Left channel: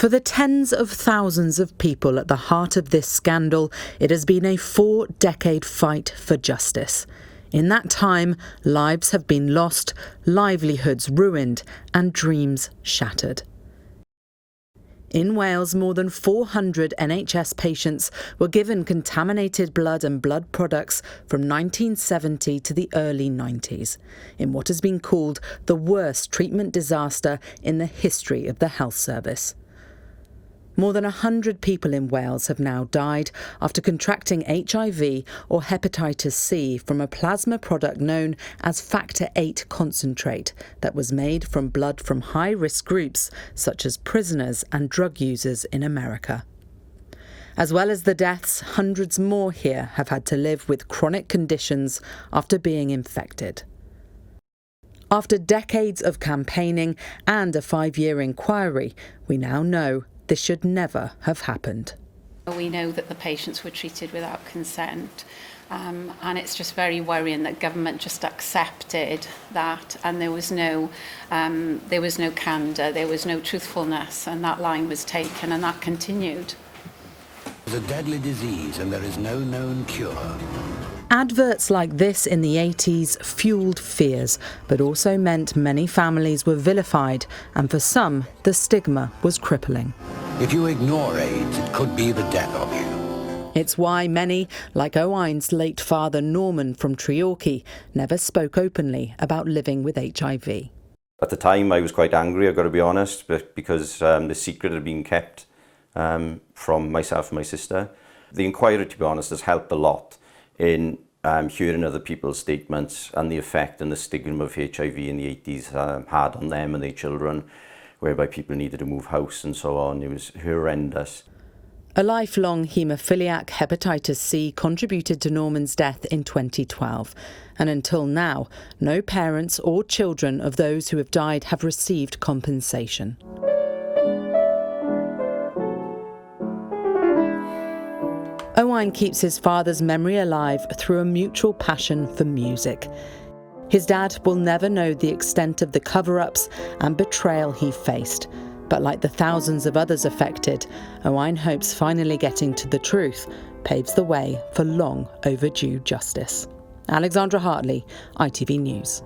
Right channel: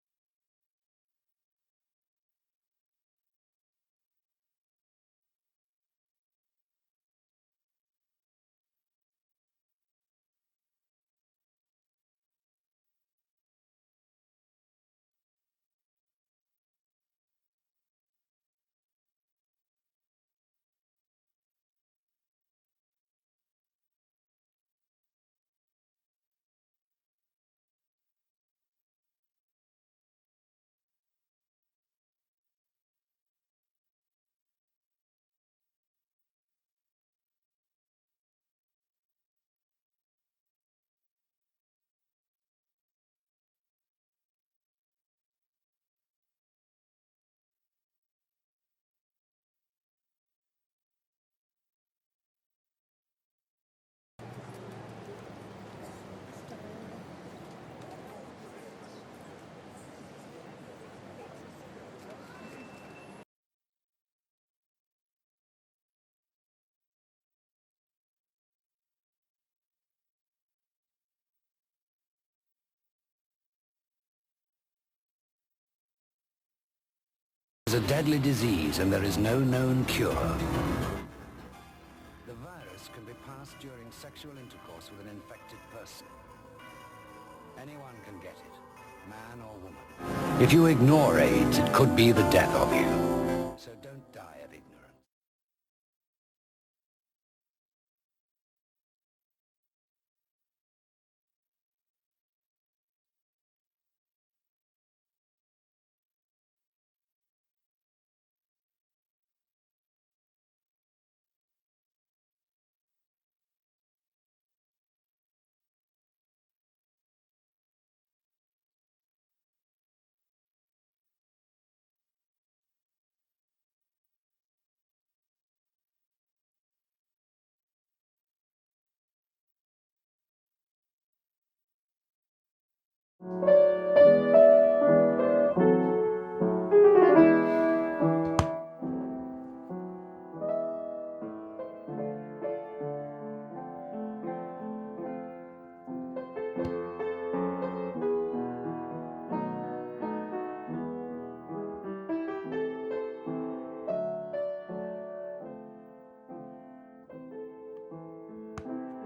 For the tens of thousands of people at the heart of this scandal, it has been a 4-decade fight for justice. In that time, lives have been lost, livelihoods ruined, and dreams shattered. In Wales, more than 400 NHS patients were given contaminated blood and blood products from 1970 to the early 90s, in what has been called the worst treatment disaster in the history of the health service. More than 100 people in Wales have now died after contracting HIV or hepatitis C from a plasma product known as factor VIII concentrate that was made from blood from high-risk groups such as prisoners and drug users in America. As well as the deaths, hundreds more here have had to live with chronic conditions after being infected. After decades of campaigning and a 5-year inquiry, we now know this should never have happened. We know that the patients were treated without consent, and it's just very worrying that government just accepted that, and there was no candour, there was no truthfulness, and that line was taken, and that continued. It's a deadly disease, and there is no known cure. Adverts like this in the 80s fueled fears, but also meant many families were vilified, and for some, the stigma was crippling. If you ignore AIDS, it could be the death of you. It's why many, like Owain's late father Norman from Treorchy, never spoke openly about living with HIV. At the time, I was quite angry, I've got to be honest, because the secret had been kept from myself and my sister. The inquiry, to be honest, has helped a lot in hearing other people's statements and the effect and the stigma of HIV in the 80s had on them and their children, whereby people needed to move house and so on. It was horrendous. A lifelong haemophiliac hepatitis C contributed to Norman's death in 2012, and until now, no parents or children of those who have died have received compensation. Owain keeps his father's memory alive through a mutual passion for music. His dad will never know the extent of the cover-ups and betrayal he faced, but like the thousands of others affected, Owain hopes finally getting to the truth paves the way for long overdue justice. Alexandra Hartley, ITV News.